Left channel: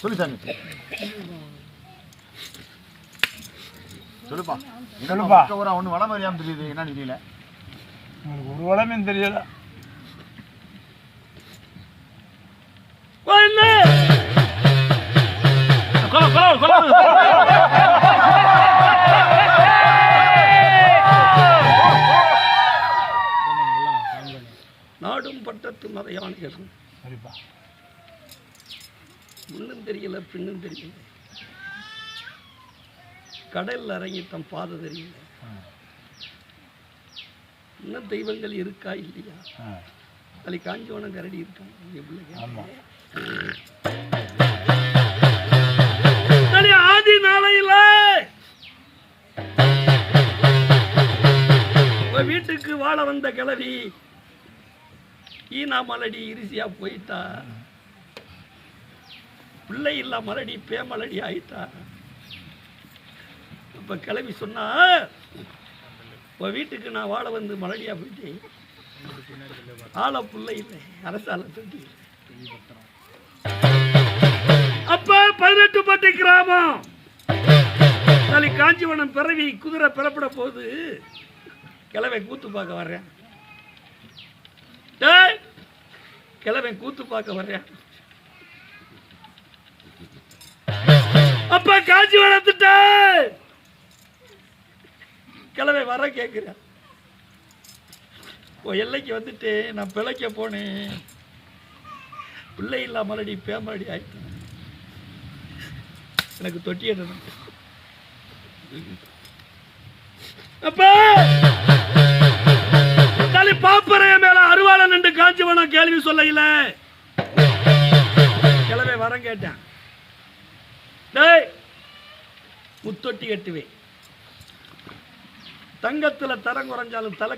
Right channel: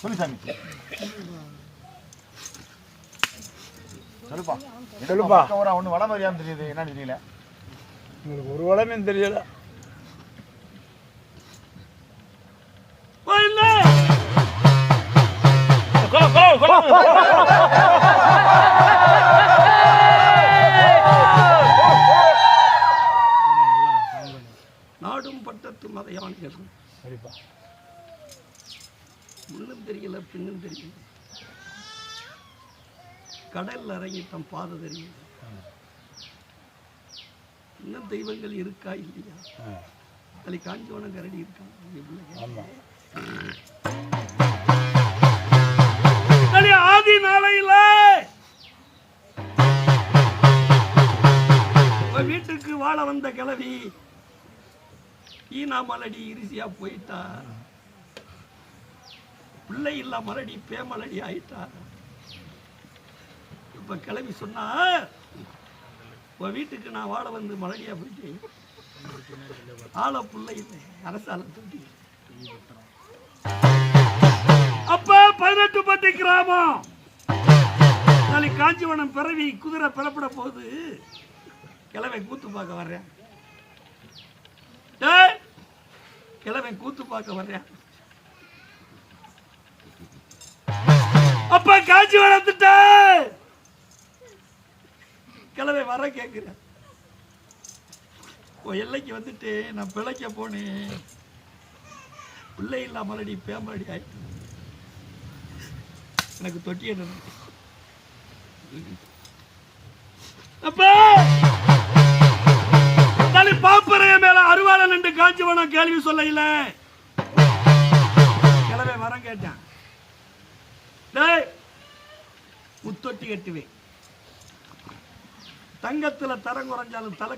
சொல்லு சாமி. சொல்லுப்பா சொல்லுப்பா. ஒண்ணு வடம் அறியாம தெரியுது, என்னன்னு தெரியல. உங்களுக்கு ஒரு வடமே தெரியல. நாடும் பட்டத்து மதையான கேட்கும். சரிப்பா. முன்னும் தெரியல பின்னும் தெரியல, கடல் இறங்கி தம் பாதை தெரியல. இன்னும் தெய்வங்கள் இருக்கா இல்லையா? அது காஞ்சோனம் கரடி இருக்காங்க. ஆதி நாளையில வீட்டுக்கு வாழ வந்த கிழவி ஈனா மலடி இரிசியா போயிட்டா. பிள்ளை இல்ல மலடி பேமலடி ஆயிட்டா. இப்ப கிளவி சொன்னா, வீட்டுக்கு நான் வாழ வந்து மலடியா போயிட்டேன், ஆள பிள்ளை இல்லை, அரசால தட்டி. அப்ப 18 பட்டி கிராமம் காஞ்சிவனம் பிறவி குதிரை பிறப்பட போது கிழவை கூத்து பார்க்க வர்றேன். கிழமை கூத்து பார்க்க வர்றேன். அப்ப காஞ்சி வளர்த்துட்ட கிழமை வர கேட்கிறேன். எல்லைக்கு வந்துட்டு நான் பிழைக்க போனேன், பிள்ளை இல்ல மலடி பேமலடி ஆயிட்டு எனக்கு தொட்டி என்ன. அப்ப பாப்பறைய மேல அருவாளன் என்று காஞ்சிவனம் கேள்வி சொல்ல கிளவை வர கேட்டேன். முத்தொட்டி கட்டுவேன், தங்கத்துல தரம் குறைஞ்சாலும் தலை